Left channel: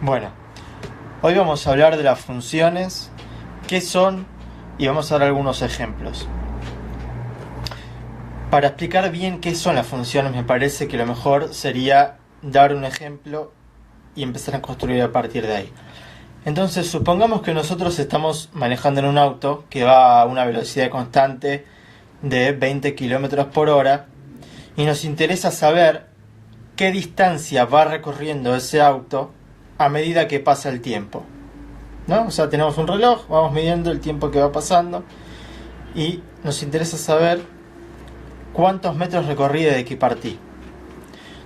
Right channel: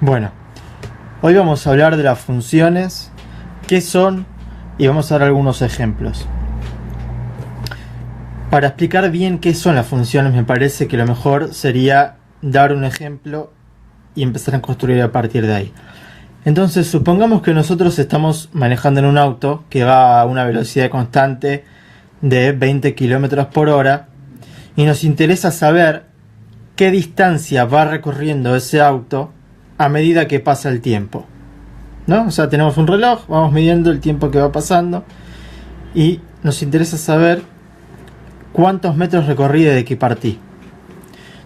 Bueno, hoy vamos a hablar de las funciones, qué son y vamos a dar algunos ejemplos. Para explicar bien qué son las funciones me parece que lo mejor sería dar un ejemplo y empezar a construir a partir de ahí. Entonces, supongamos que nosotros estamos manejando en un auto que va a una velocidad constante de 20 km por hora y nos interesa saber qué distancia va recorriendo ese auto a medida que pasa el tiempo, ¿no? O sea, tenemos un reloj, vamos midiendo el tiempo que va pasando y nos interesa saber cuántos metros recorrí desde que partí.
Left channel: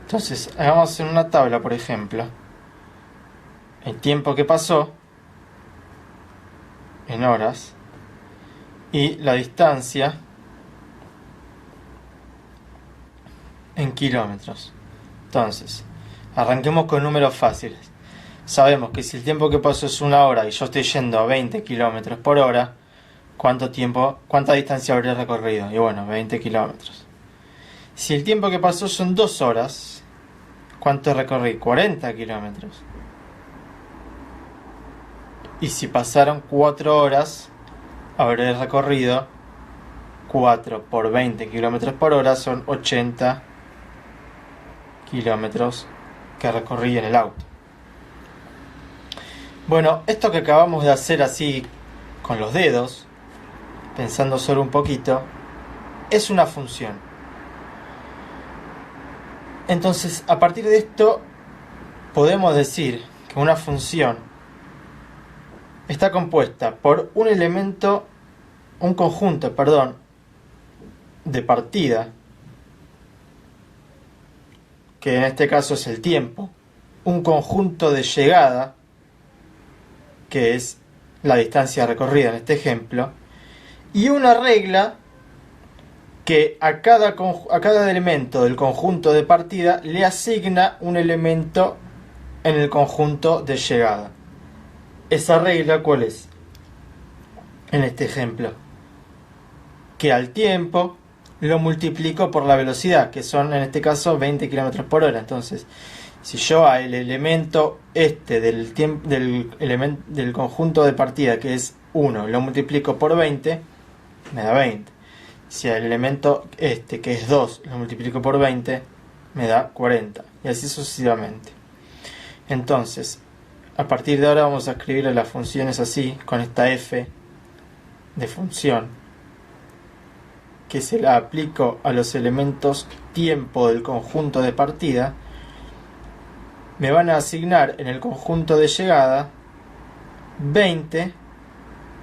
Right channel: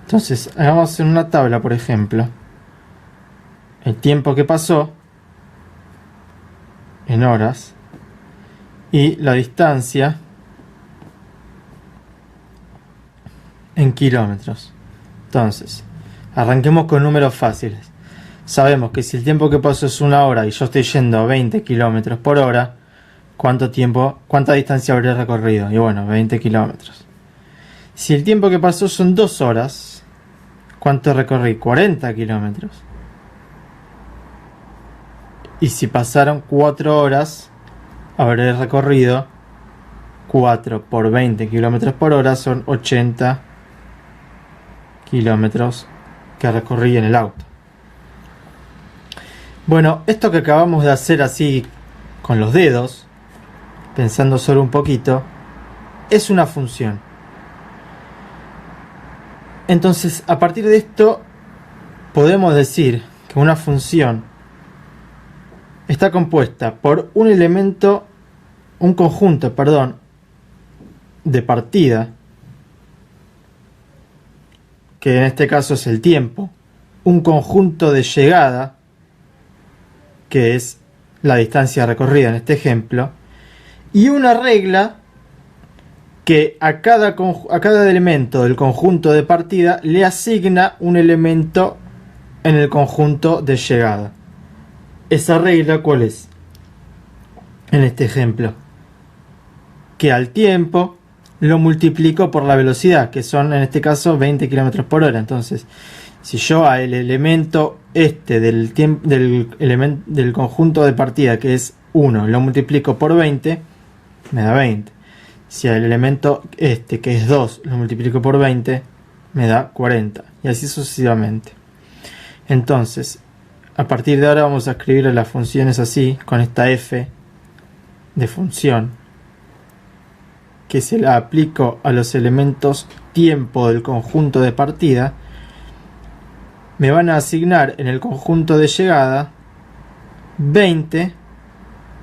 Entonces, hagamos en una tabla, por ejemplo, el tiempo que pasó en horas y la distancia en kilómetros. Entonces, arranquemos con números fáciles. Sabemos que si el tiempo que pasó es 1 hora y yo estoy yendo a 20 km por hora, ¿cuánta distancia habré recorrido? Y bueno, 20 kilómetros. Si el tiempo que pasó son 2 horas, ¿cuánto recorrí? 40 kilómetros. Y si pasaron 4 horas, habré recorrido 4 por 20 kilómetros por hora, son 80 kilómetros que recorrí en el auto. Bueno, esto que acabamos de hacer así con los dedos, pensando solo un poquito, es una función. Entonces, a partir de esto, podemos decir que una función está compuesta por un conjunto de partida, que en este caso es el tiempo, un conjunto de llegada, que es la distancia recorrida en este ejemplo, y una regla que a cada elemento del conjunto de partida le asigna un elemento en el conjunto de llegada. ¿Esa regla cuál es? En este ejemplo, que al tiempo lo multiplico por la velocidad, que son en este caso 20 km por hora. Entonces, si yo al elemento del conjunto de partida, que es 1, lo multiplico por 20, me da 20. Si al elemento que es 2, lo multiplico por 20, me da 40. Y así sucesivamente. Entonces, a partir de ahora vamos a escribir las funciones así, con esta f de función, que se la aplico a los elementos tiempo del conjunto de partida. Me van a asignar en el conjunto de llegada 20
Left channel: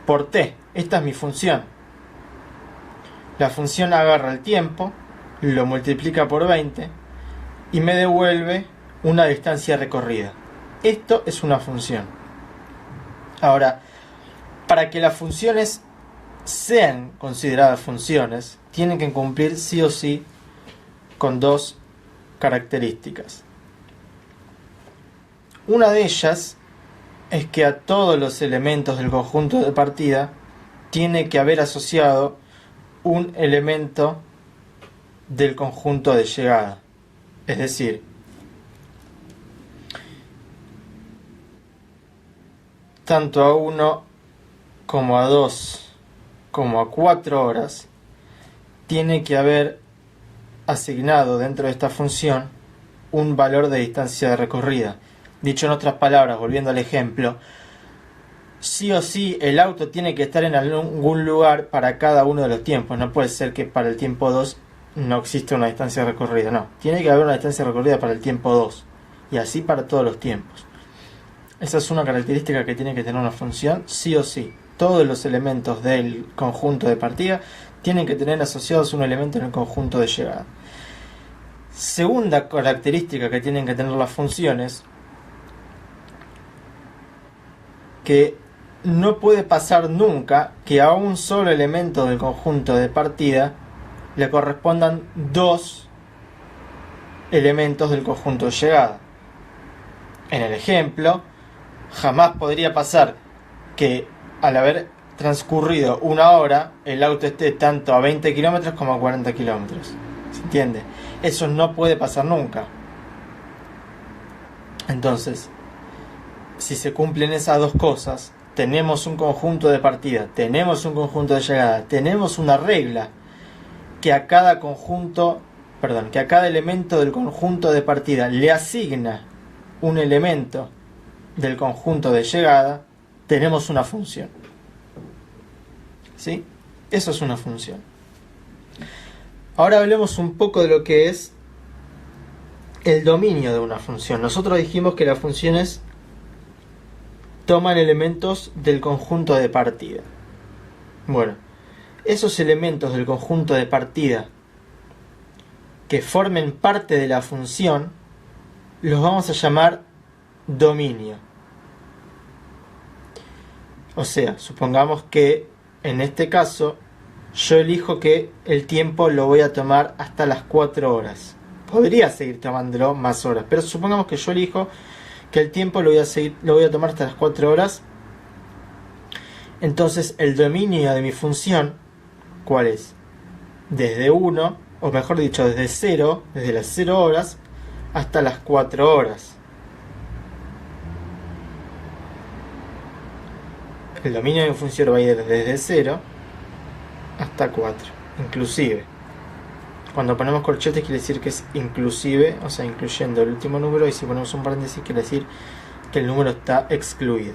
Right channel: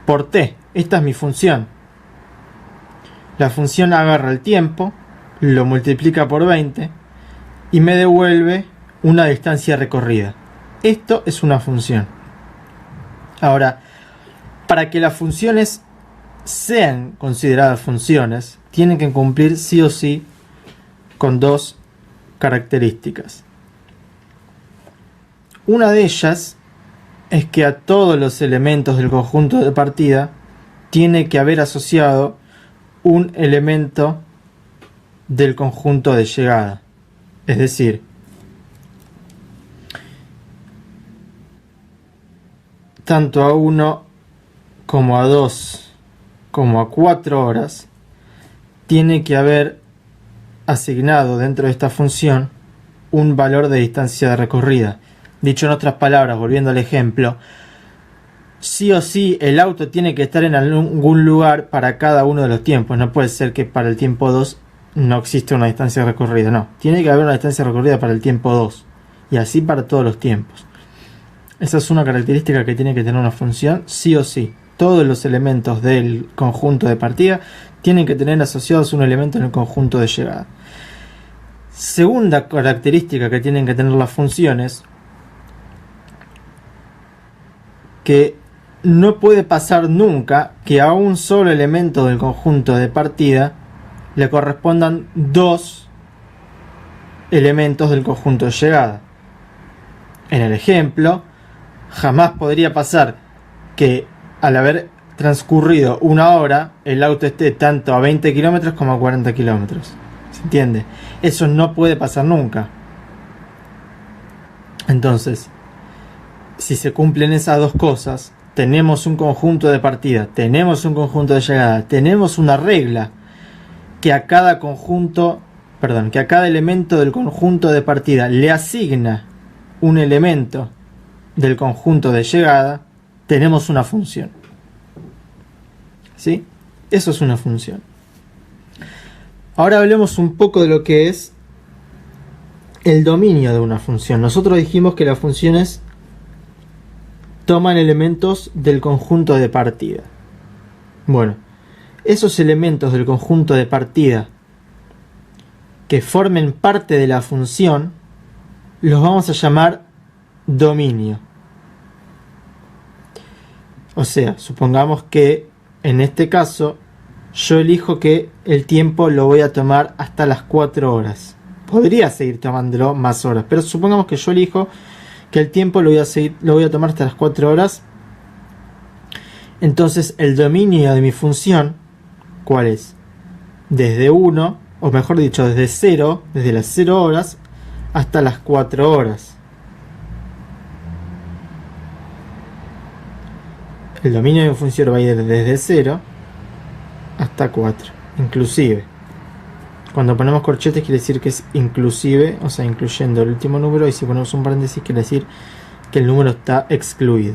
por t. Esta es mi función. La función agarra el tiempo, lo multiplica por 20 y me devuelve una distancia recorrida. Esto es una función. Ahora, para que las funciones sean consideradas funciones, tienen que cumplir sí o sí con dos características. Una de ellas es que a todos los elementos del conjunto de partida tiene que haber asociado un elemento del conjunto de llegada. Es decir, tanto a 1 como a 2 como a 4 horas tiene que haber asignado dentro de esta función un valor de distancia recorrida. Dicho en otras palabras, volviendo al ejemplo, sí o sí el auto tiene que estar en algún lugar para cada uno de los tiempos. No puede ser que para el tiempo 2 no existe una distancia recorrida, no. Tiene que haber una distancia recorrida para el tiempo 2 y así para todos los tiempos. Esa es una característica que tiene que tener una función sí o sí. Todos los elementos del conjunto de partida tienen que tener asociados un elemento en el conjunto de llegada. Segunda característica que tienen que tener las funciones, que no puede pasar nunca que a un solo elemento del conjunto de partida le correspondan dos elementos del conjunto de llegada. En el ejemplo, jamás podría pasar que al haber transcurrido 1 hora el auto esté tanto a 20 kilómetros como a 40 kilómetros. ¿Se entiende? Eso no puede pasar nunca. Entonces, si se cumplen esas dos cosas, tenemos un conjunto de partida, tenemos un conjunto de llegada, tenemos una regla que a cada elemento del conjunto de partida le asigna un elemento del conjunto de llegada, tenemos una función. ¿Sí? Eso es una función. Ahora hablemos un poco de lo que es el dominio de una función. Nosotros dijimos que las funciones toman elementos del conjunto de partida. Bueno, esos elementos del conjunto de partida que formen parte de la función los vamos a llamar dominio. O sea, supongamos que en este caso yo elijo que el tiempo lo voy a tomar hasta las 4 horas. Podría seguir tomándolo más horas, pero supongamos que yo elijo que el tiempo lo voy a tomar hasta las 4 horas. Entonces el dominio de mi función, ¿cuál es? Desde 1, o mejor dicho, desde 0, desde las 0 horas hasta las 4 horas. El dominio de mi función va a ir desde 0 hasta 4, inclusive. Cuando ponemos corchetes quiere decir que es inclusive, o sea, incluyendo el último número, y si ponemos un paréntesis quiere decir que el número está excluido.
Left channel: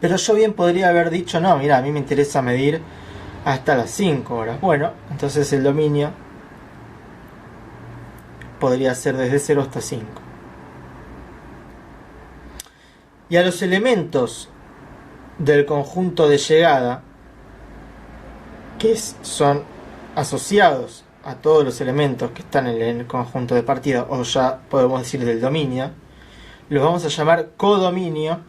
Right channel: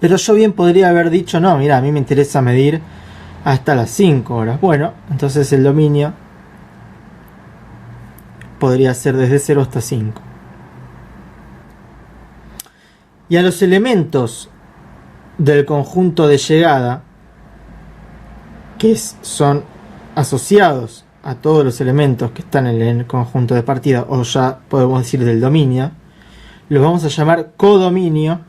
Pero yo bien podría haber dicho, no, mira, a mí me interesa medir hasta las 5 horas. Bueno, entonces el dominio podría ser desde 0 hasta 5. Y a los elementos del conjunto de llegada, que son asociados a todos los elementos que están en el conjunto de partida, o ya podemos decir del dominio, los vamos a llamar codominio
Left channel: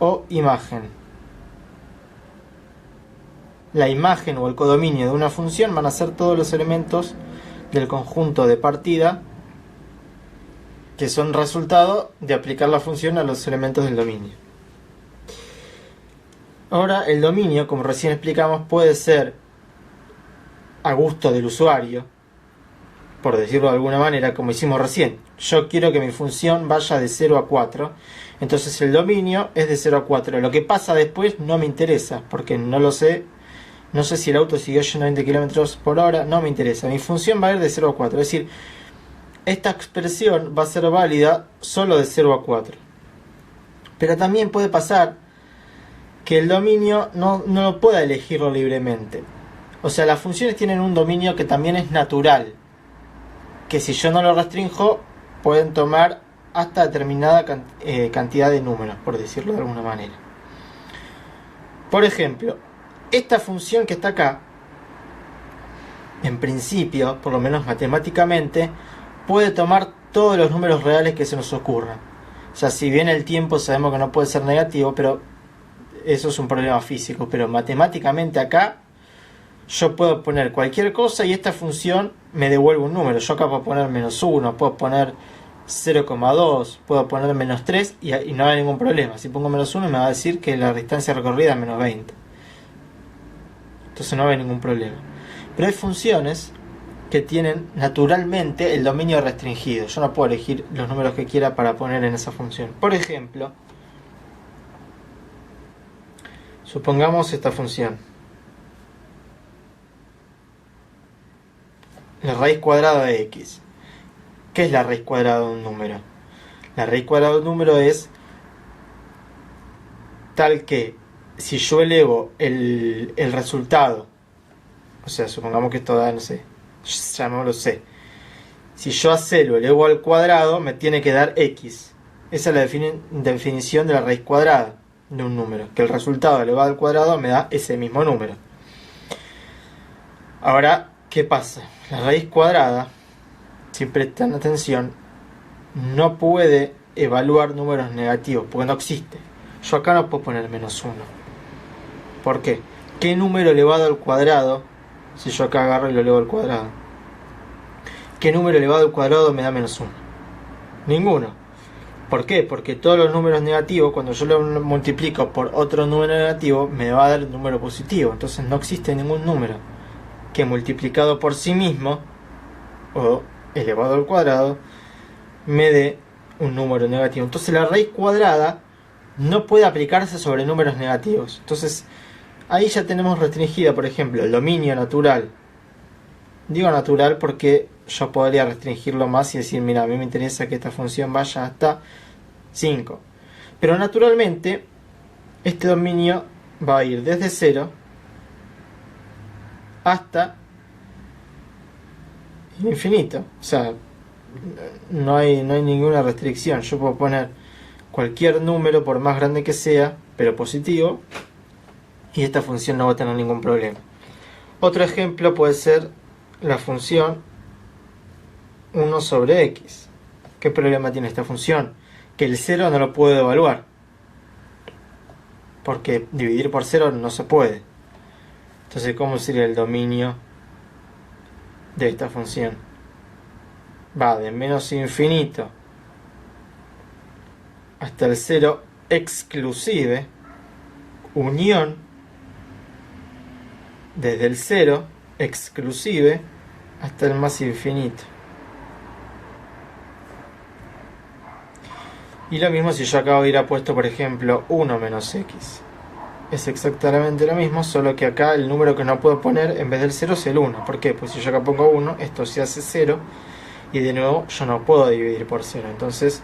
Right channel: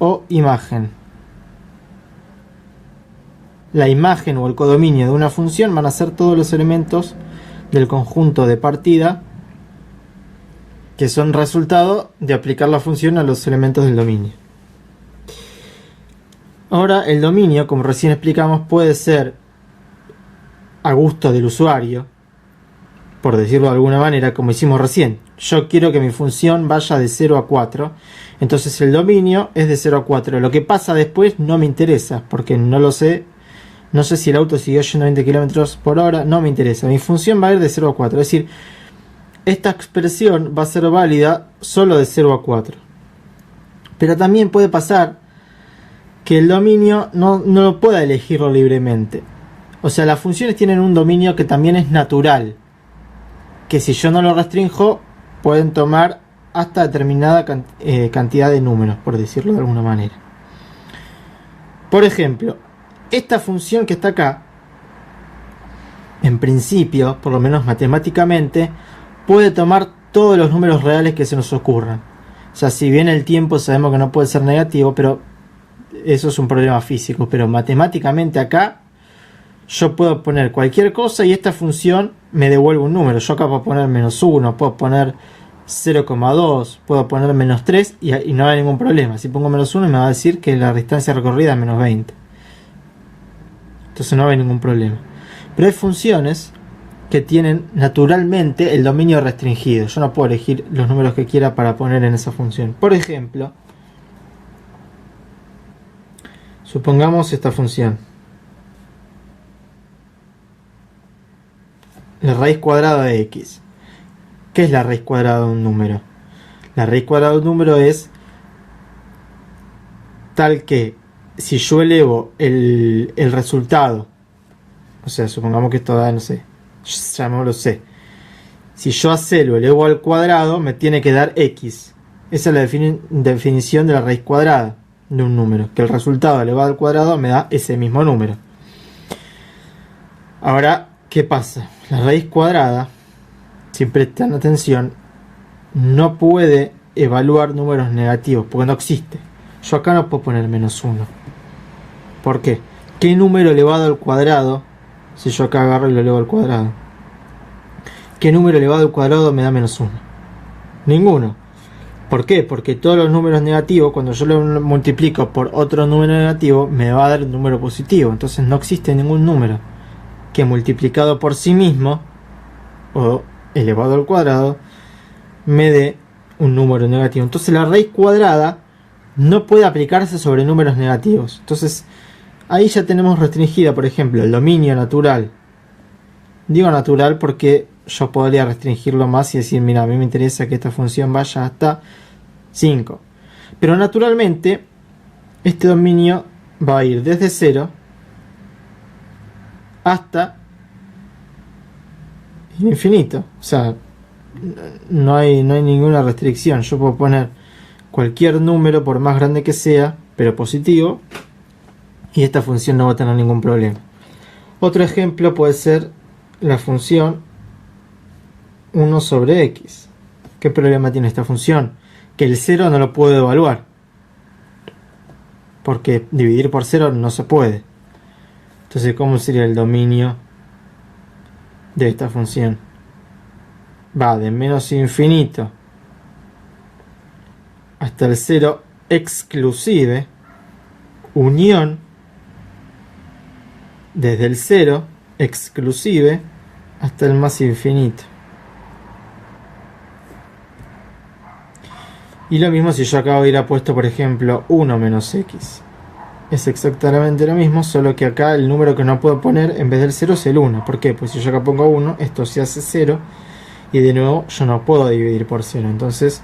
o imagen. La imagen o el codominio de una función van a ser todos los elementos del conjunto de partida que son resultado de aplicar la función a los elementos del dominio. Ahora, el dominio, como recién explicamos, puede ser a gusto del usuario, por decirlo de alguna manera, como hicimos recién. Yo quiero que mi función vaya de 0 a 4, entonces el dominio es de 0 a 4. Lo que pasa después no me interesa, porque no lo sé. No sé si el auto siguió yendo a 20 km por hora, no me interesa. Mi función va a ir de 0 a 4, es decir, esta expresión va a ser válida solo de 0 a 4. Pero también puede pasar que el dominio no lo pueda elegirlo libremente. O sea, las funciones tienen un dominio que también es natural, que si yo no lo restringo, pueden tomar hasta determinada cantidad de números, por decirlo de alguna manera. Por ejemplo, esta función que está acá, en principio, por lo menos matemáticamente, puede tomar todos los números reales que se nos ocurran. O sea, si bien el tiempo sabemos que no puede ser negativo, pero eso es un problema físico, pero matemáticamente acá yo puedo poner cualquier cosa y esta función me devuelve un número. Yo acá puedo poner -1, puedo poner 0,2, puedo poner -3 y no hay ningún problema. Si pongo -1 me va a decir que la distancia recorrida es -20. Entonces no hay ningún problema. Pero hay funciones que tienen naturalmente el dominio restringido. Yo no puedo elegir los números que quiera para poner en esa función. Por ejemplo, supongamos esta función. La raíz cuadrada de x. ¿Qué es la raíz cuadrada de un número? La raíz cuadrada de un número es tal que si yo elevo el resultado, o sea, supongamos que esto da, no sé, ya no lo sé. Si yo a c lo elevo al cuadrado, me tiene que dar x. Esa es la definición de la raíz cuadrada de un número, que el resultado elevado al cuadrado me da ese mismo número. Ahora, ¿qué pasa? La raíz cuadrada, si prestan atención, no puede evaluar números negativos, porque no existe. Yo acá no puedo poner -1. ¿Por qué? ¿Qué número elevado al cuadrado, si yo acá agarro y lo elevo al cuadrado? ¿Qué número elevado al cuadrado me da -1? Ninguno. ¿Por qué? Porque todos los números negativos, cuando yo lo multiplico por otro número negativo, me va a dar un número positivo. Entonces no existe ningún número que multiplicado por sí mismo, o elevado al cuadrado me dé un número negativo. Entonces la raíz cuadrada no puede aplicarse sobre números negativos. Entonces ahí ya tenemos restringida, por ejemplo, el dominio natural. Digo natural porque yo podría restringirlo más y decir, mira, a mí me interesa que esta función vaya hasta 5. Pero naturalmente este dominio va a ir desde 0 hasta infinito. O sea, no hay ninguna restricción. Yo puedo poner cualquier número, por más grande que sea, pero positivo, y esta función no va a tener ningún problema. Otro ejemplo puede ser la función 1 sobre x. ¿Qué problema tiene esta función? Que el 0 no lo puedo evaluar, porque dividir por 0 no se puede. Entonces, ¿cómo sería el dominio de esta función? Va de menos infinito hasta el 0 exclusive, unión desde el 0 exclusive hasta el más infinito. Y lo mismo si yo acá hubiera puesto, por ejemplo, 1 menos x. Es exactamente lo mismo, solo que acá el número que no puedo poner en vez del 0 es el 1. ¿Por qué? Pues si yo acá pongo 1, esto se hace 0. Y de nuevo yo no puedo dividir por 0. Entonces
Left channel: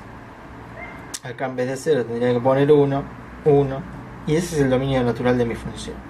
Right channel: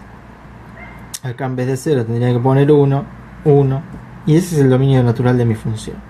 acá en vez de 0 tendría que poner 1, 1. Y ese es el dominio natural de mi función.